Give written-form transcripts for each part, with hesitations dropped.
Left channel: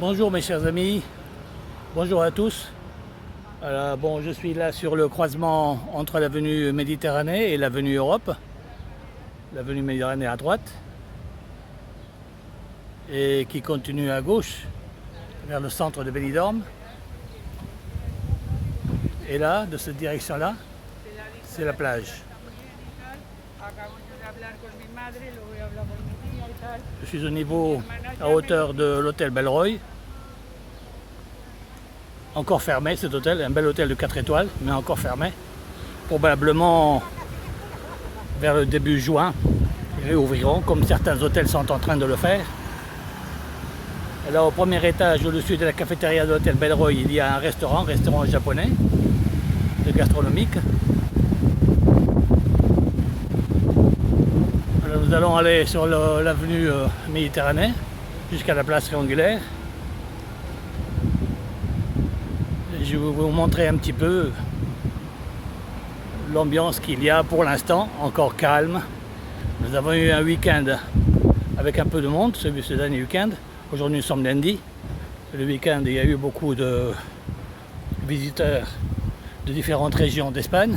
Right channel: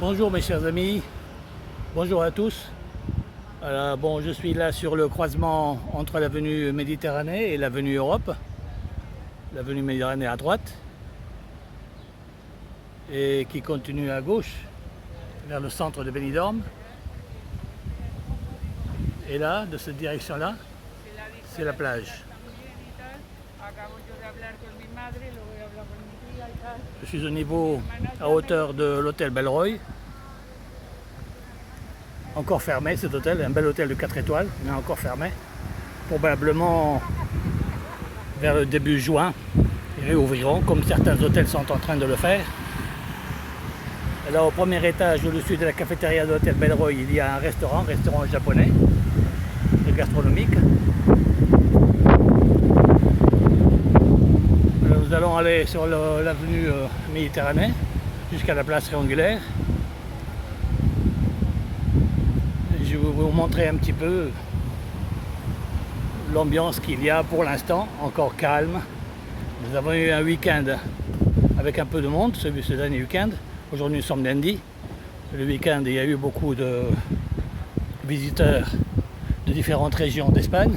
Bonjour mes chers amis, bonjour à tous. Bon, je suis là sur le croisement entre l'avenue Méditerranée et l'avenue Europe. L'avenue Méditerranée à droite et qui continue à gauche vers le centre de Benidorm. Et là, de cette direction-là, c'est la plage. Je suis au niveau, à hauteur de l'hôtel Belleroy. Encore fermé cet hôtel, un bel hôtel de 4 étoiles, mais encore fermé. Probablement vers le début juin, ils réouvriront, comme certains hôtels sont en train de le faire. Et là, au premier étage, au-dessus de la cafétéria de l'hôtel Belleroy, il y a un restaurant japonais, gastronomique. Alors, nous allons aller sur l'avenue Méditerranée jusqu'à la place triangulaire. Je vais vous montrer un petit peu l'ambiance qu'il y a pour l'instant, encore calme. Nous avons eu un week-end avec un peu de monde, ce dernier week-end. Aujourd'hui nous sommes lundi. Le week-end il y a eu beaucoup de visiteurs de différentes régions d'Espagne.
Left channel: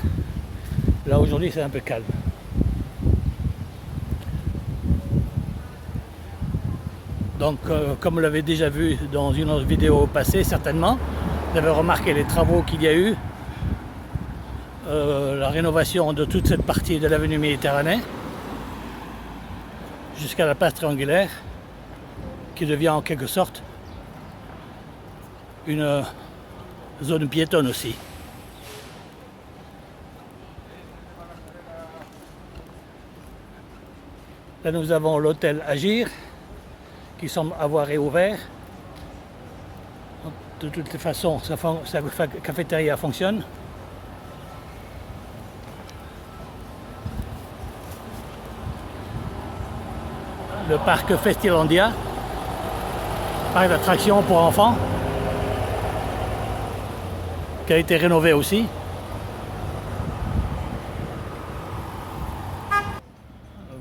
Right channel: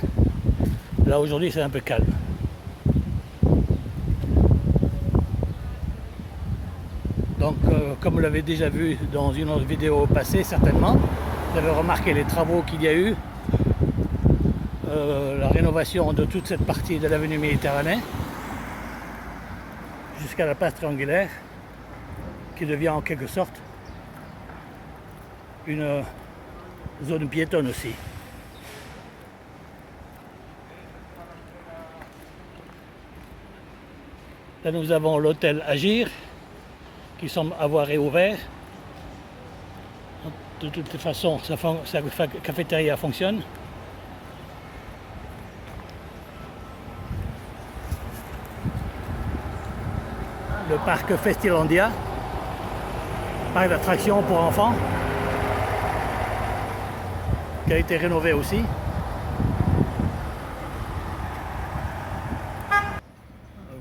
Là aujourd'hui c'est un peu calme. Donc comme vous l'avez déjà vu dans une autre vidéo passée certainement, vous avez remarqué les travaux qu'il y a eu, la rénovation de toute cette partie de l'avenue Méditerranée jusqu'à la place triangulaire qui devient en quelque sorte une zone piétonne aussi. Là nous avons l'hôtel Agir qui semble avoir réouvert. De toutes les façons, sa cafétéria fonctionne. Le parc Festilandia, parc d'attractions pour enfants, qui a été rénové aussi.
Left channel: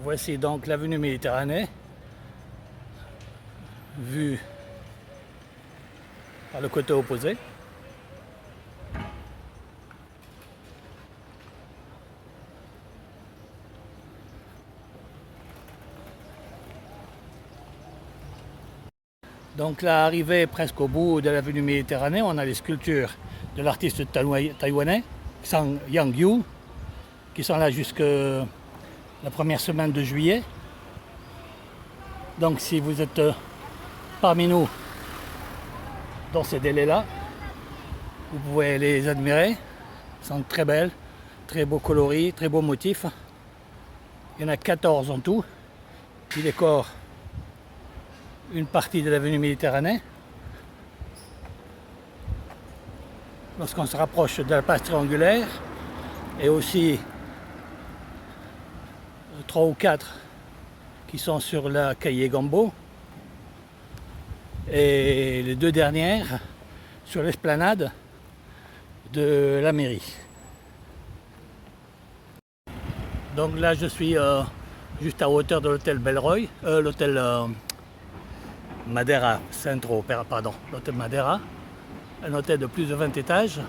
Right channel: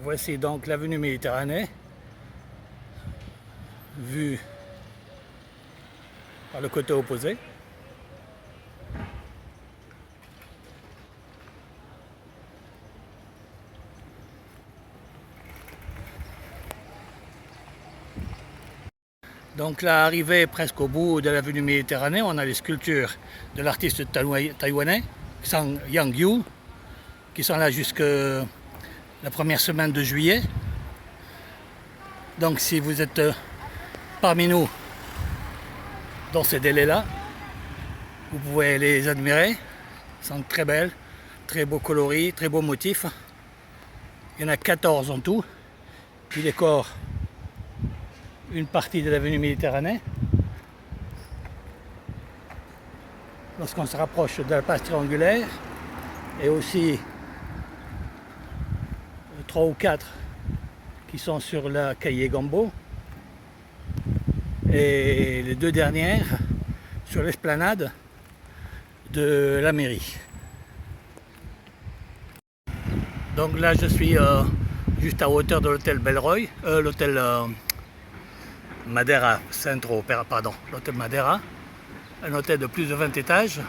Voici donc l'avenue Méditerranée, vue par le côté opposé. Donc là, arrivé presque au bout de l'avenue Méditerranée, on a les sculptures de l'artiste taïwanais, Sang Yang Yu, qui sont là jusque la première semaine de juillet. Donc si vous êtes parmi nous dans ces délais-là, vous pouvez les admirer. Elles sont très belles, très beaux coloris, très beaux motifs. Il y en a 14 en tout qui décorent une partie de l'avenue Méditerranée. Lorsqu'on se rapproche de la place triangulaire, et aussi 3 ou 4 qui sont sur la Calle Gambo, et les 2 dernières sur l'esplanade de la mairie. Donc là je suis juste à hauteur de l'hôtel Belleroy, l'hôtel Madeira Centro, pardon, l'hôtel Madeira, un hôtel de plus de 20 étages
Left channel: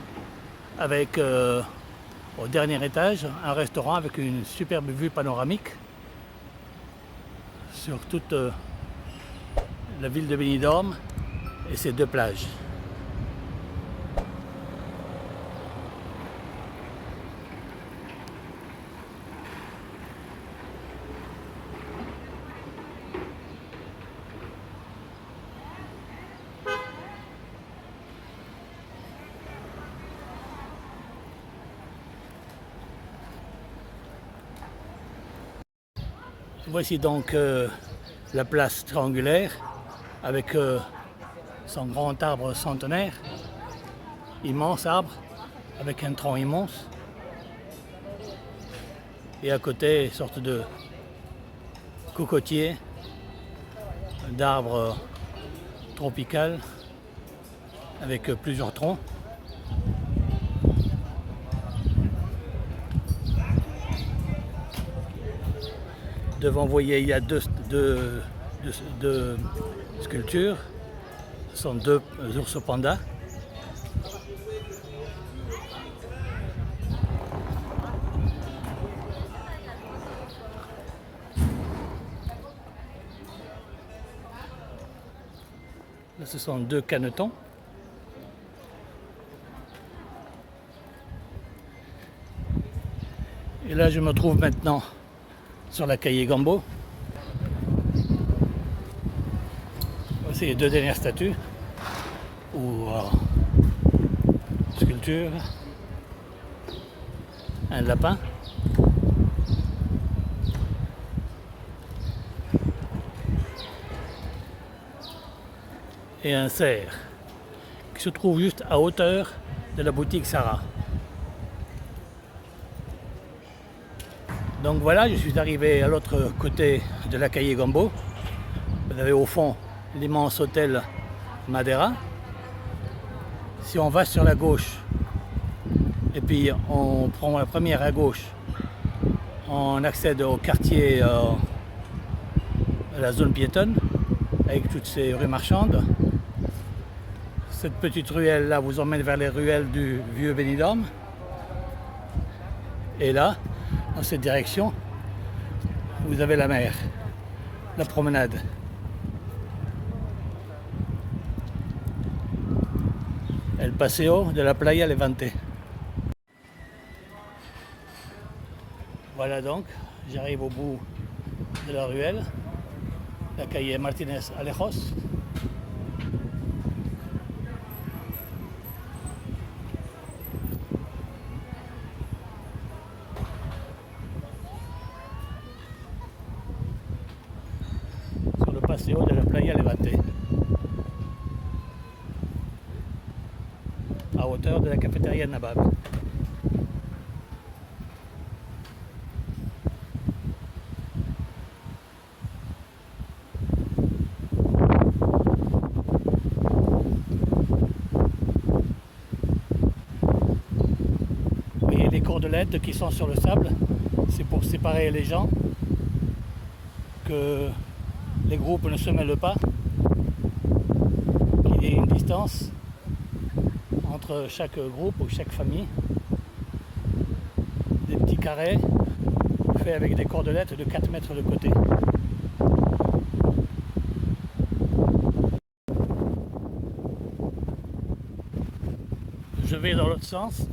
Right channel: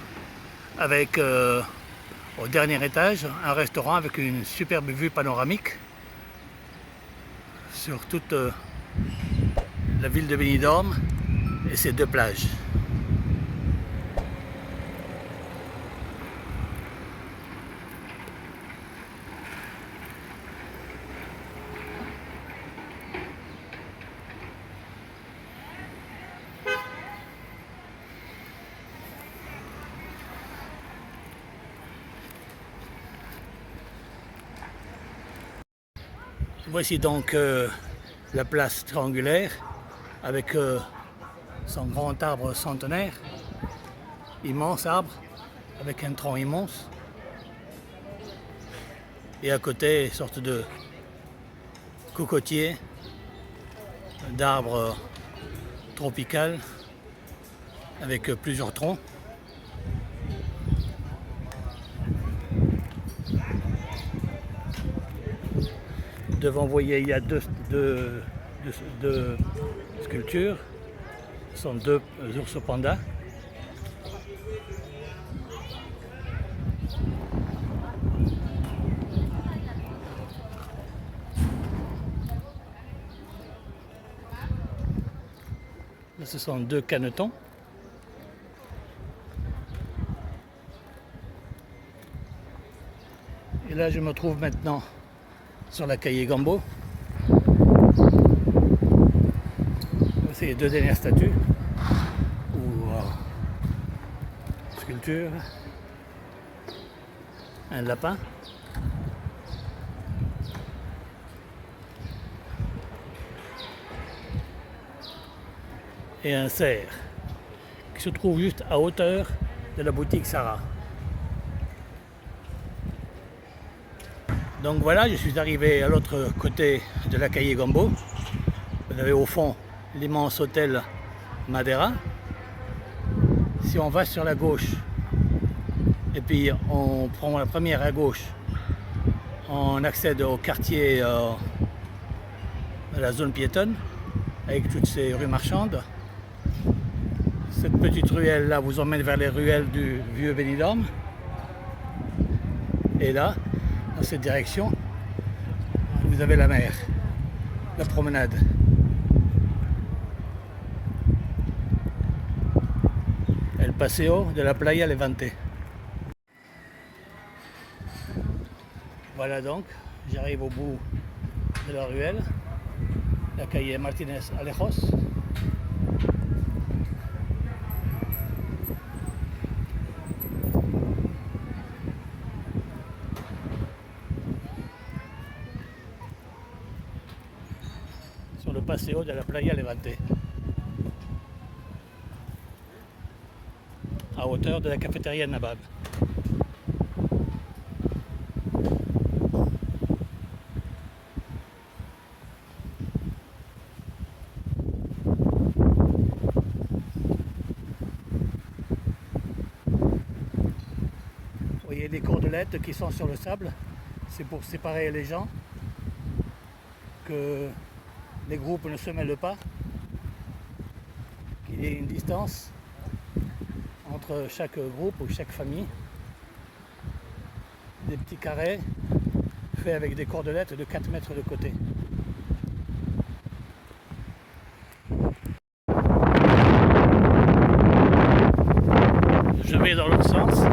avec au dernier étage un restaurant avec une superbe vue panoramique sur toute la ville de Benidorm et ses 2 plages. Voici donc la place triangulaire avec son grand arbre centenaire, immense arbre avec un tronc immense, et à côté une sorte de cocotier, d'arbre tropical avec plusieurs troncs. Devant, vous voyez, il y a deux sculptures. Ce sont deux ours pandas. Là, ce sont deux canetons. Et là, je me trouve maintenant sur la Calle Gambo. Voici les deux dernières statues ou sculptures. Un lapin. Et un cerf qui se trouve juste à hauteur de la boutique Sarah. Donc voilà, je suis arrivé à l'autre côté de la Calle Gambo. Vous avez au fond l'immense hôtel Madeira. Si on va sur la gauche et puis on prend la première à gauche, on accède au quartier de la zone piétonne avec toutes ces rues marchandes. Cette petite ruelle là vous emmène vers les ruelles du vieux Benidorm. Et là, dans cette direction, vous avez la mer, la promenade. El Paseo de la Playa Levante. Voilà donc, j'arrive au bout de la ruelle, la calle Martínez Alejos. Sur le Paseo de la Playa Levante, à hauteur de la cafétéria Nabab. Vous voyez les cordelettes qui sont sur le sable, c'est pour séparer les gens, que les groupes ne se mêlent pas, qu'il y ait une distance entre chaque groupe ou chaque famille. Des petits carrés faits avec des cordelettes de 4 mètres de côté. Je vais dans l'autre sens.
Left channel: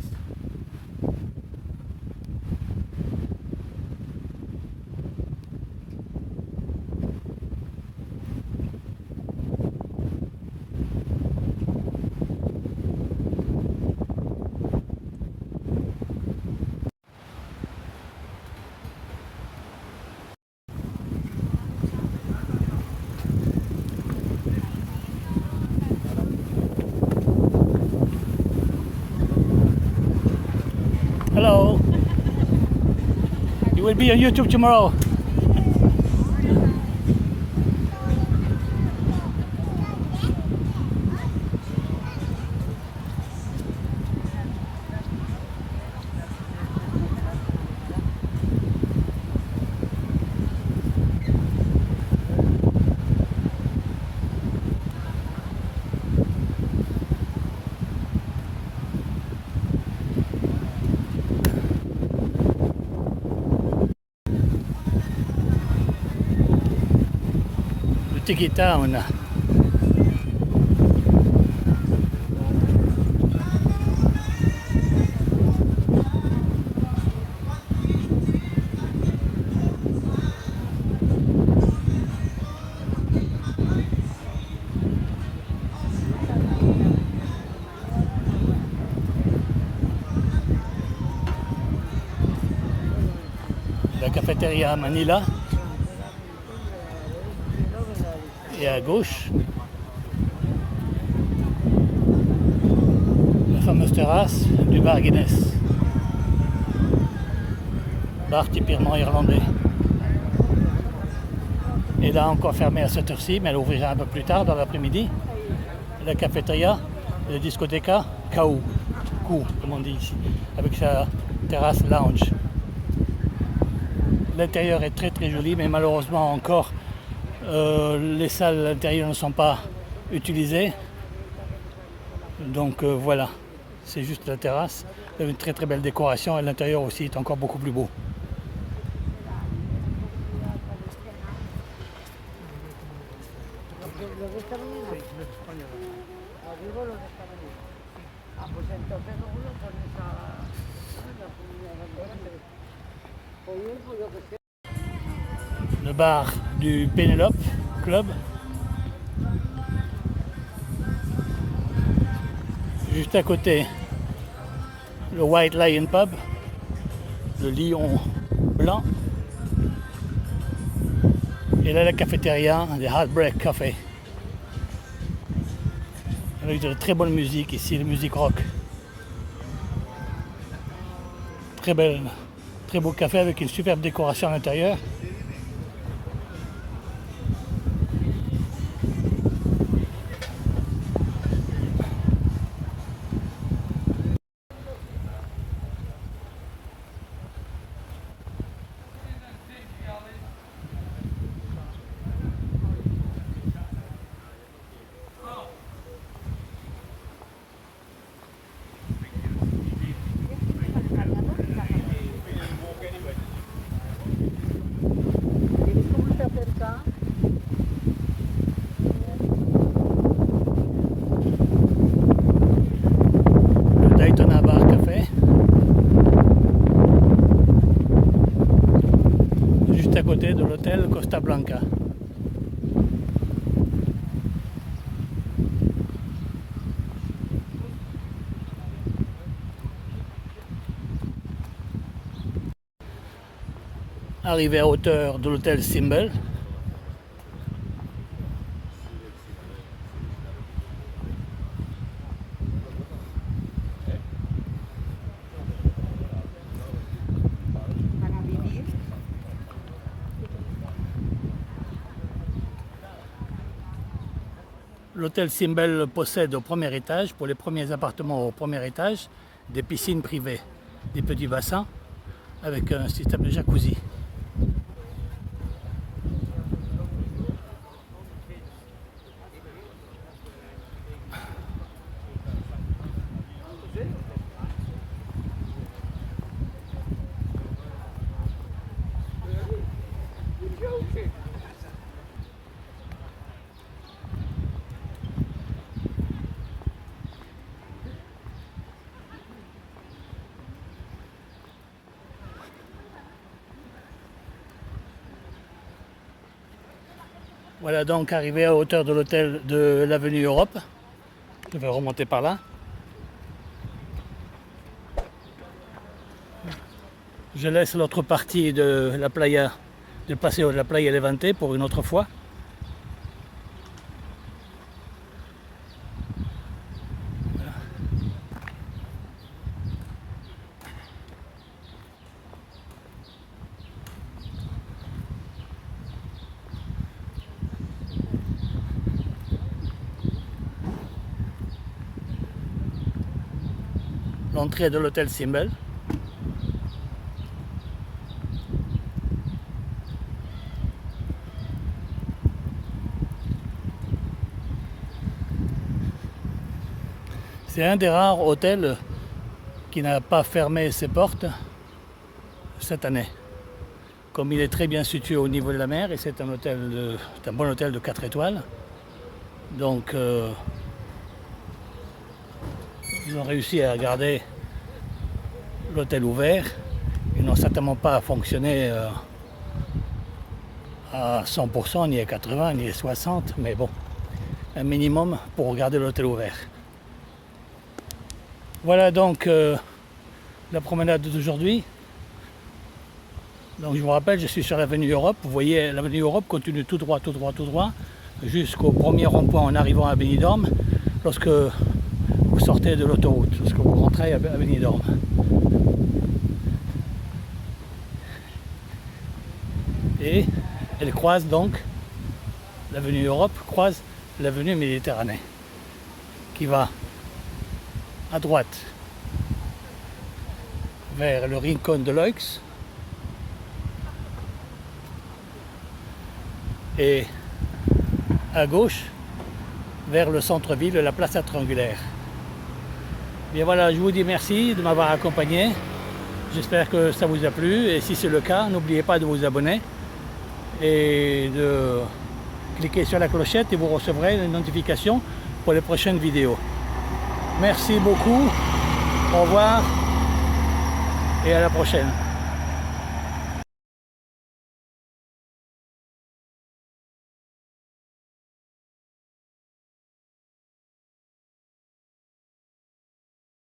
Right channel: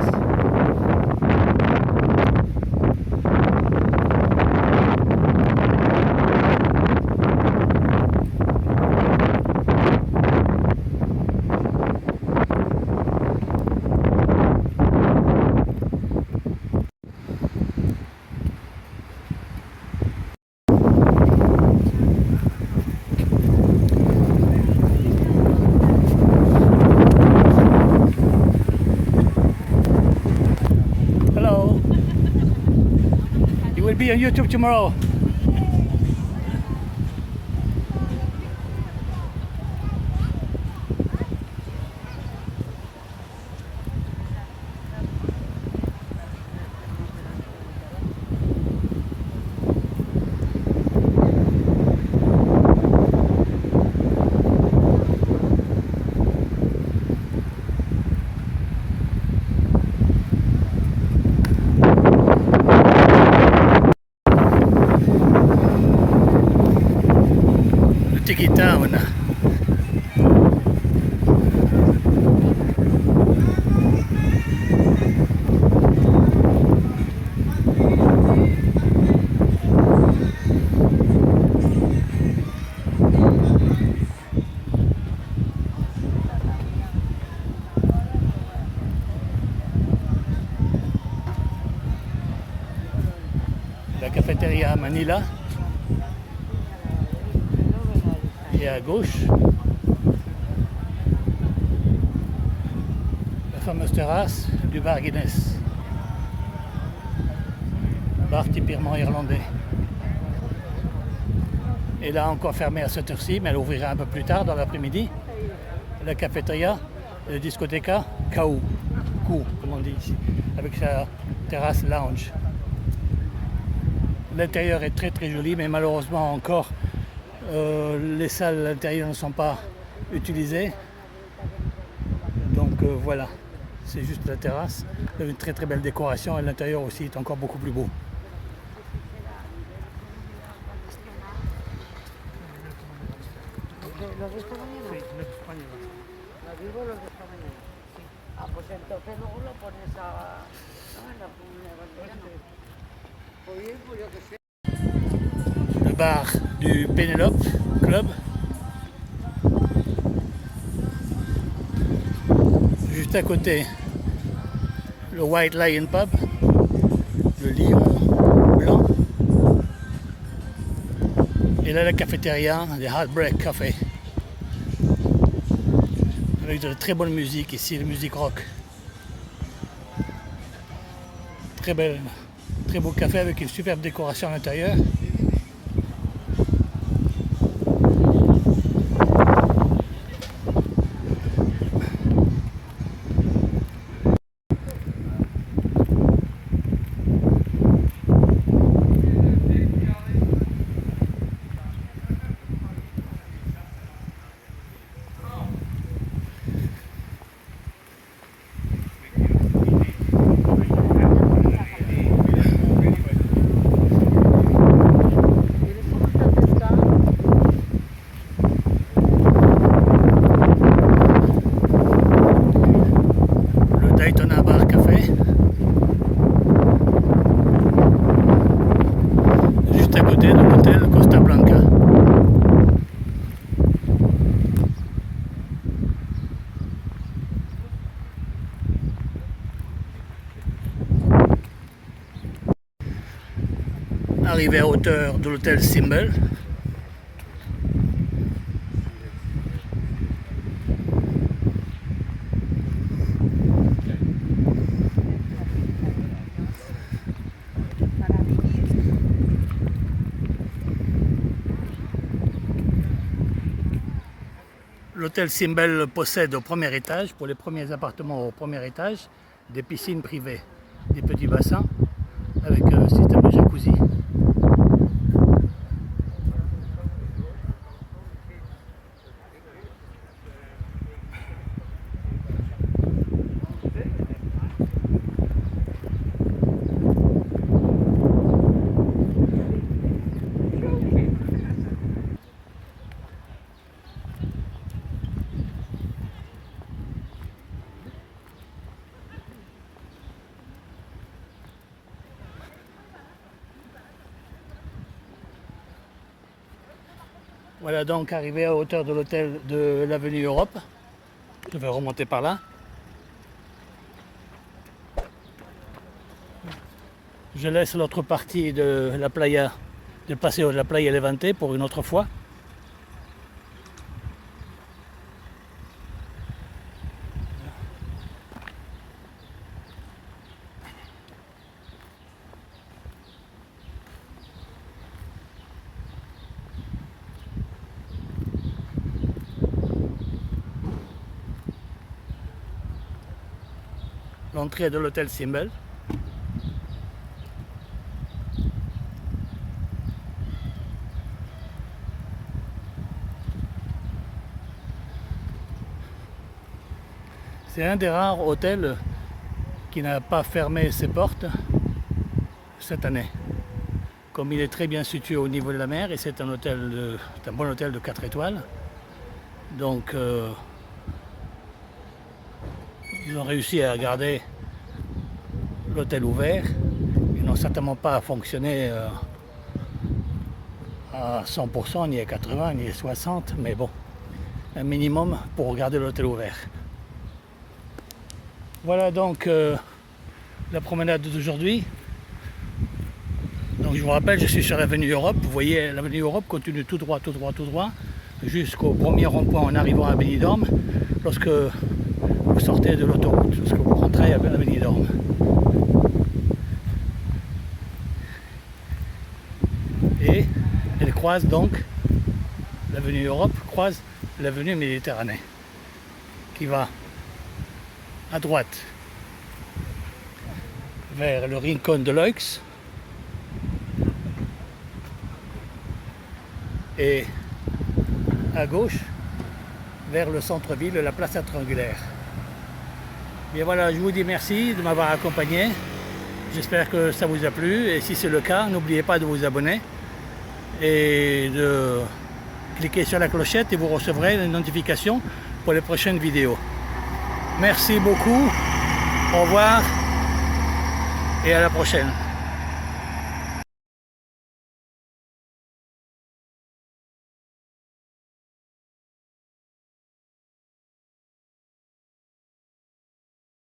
Hello. You will be on YouTube tomorrow. Tiki Town. La cafétéria Manila. Et à gauche, la fameuse terrasse du bar Guinness. Bar typiquement irlandais. Et là encore fermé à cette heure-ci, mais elle ouvrira un peu plus tard dans l'après-midi. La cafétéria, le discothèque Kau, comme on dit ici, avec sa terrasse lounge. L'intérieur est très très joli, mais malheureusement encore les salles à l'intérieur ne sont pas utilisées. Donc voilà, c'est juste la terrasse. Il y a une très très belle décoration et l'intérieur aussi est encore beaucoup plus beau. Le bar du Penelope Club. Juste à côté, le White Lion Pub, le lion blanc. Et là, la cafétéria, le Heartbreak Café. Avec de très bonne musique ici, la musique rock. Très belle, très beau café avec une superbe décoration à l'intérieur. Daytona Bar Café. Juste à côté de l'hôtel Costa Blanca. Arrivé à hauteur de l'hôtel Symbol. L'hôtel Symbol possède au premier étage, pour les premiers appartements au premier étage, des piscines privées, des petits bassins avec un système de jacuzzi. Voilà donc arrivé à hauteur de l'hôtel de l'avenue Europe. Je vais remonter par là. Je laisse l'autre partie de la playa, de passer de la playa Levante pour une autre fois. L'entrée de l'hôtel Symbol. C'est un des rares hôtels qui n'a pas fermé ses portes cette année. Comme il est très bien situé au niveau de la mer et c'est un bon hôtel de 4 étoiles. Donc ils ont réussi à garder l'hôtel ouvert. Ils n'ont certainement pas fonctionné à 100%, ni à 80%, ni à 60%, mais bon, un minimum pour garder l'hôtel ouvert. Voilà donc la promenade d'aujourd'hui. Donc je vous rappelle, je suis sur l'avenue Europe. Vous voyez, l'avenue Europe continue tout droit, tout droit, tout droit, jusqu'au premier rond-point en arrivant à Benidorm, lorsque vous sortez de l'autoroute, lorsque vous rentrez à Benidorm. Et elle croise donc, l'avenue Europe croise l'avenue Méditerranée, qui va à droite vers le Rincón de Leix et à gauche vers le centre-ville, la Plaza Triangulaire. Bien voilà, je vous dis merci de m'avoir accompagné. J'espère que ça vous a plu et si c'est le cas, n'oubliez pas de vous abonner et de cliquer sur la clochette et vous recevrez les notifications pour les prochaines vidéos. Merci beaucoup, au revoir et à la prochaine.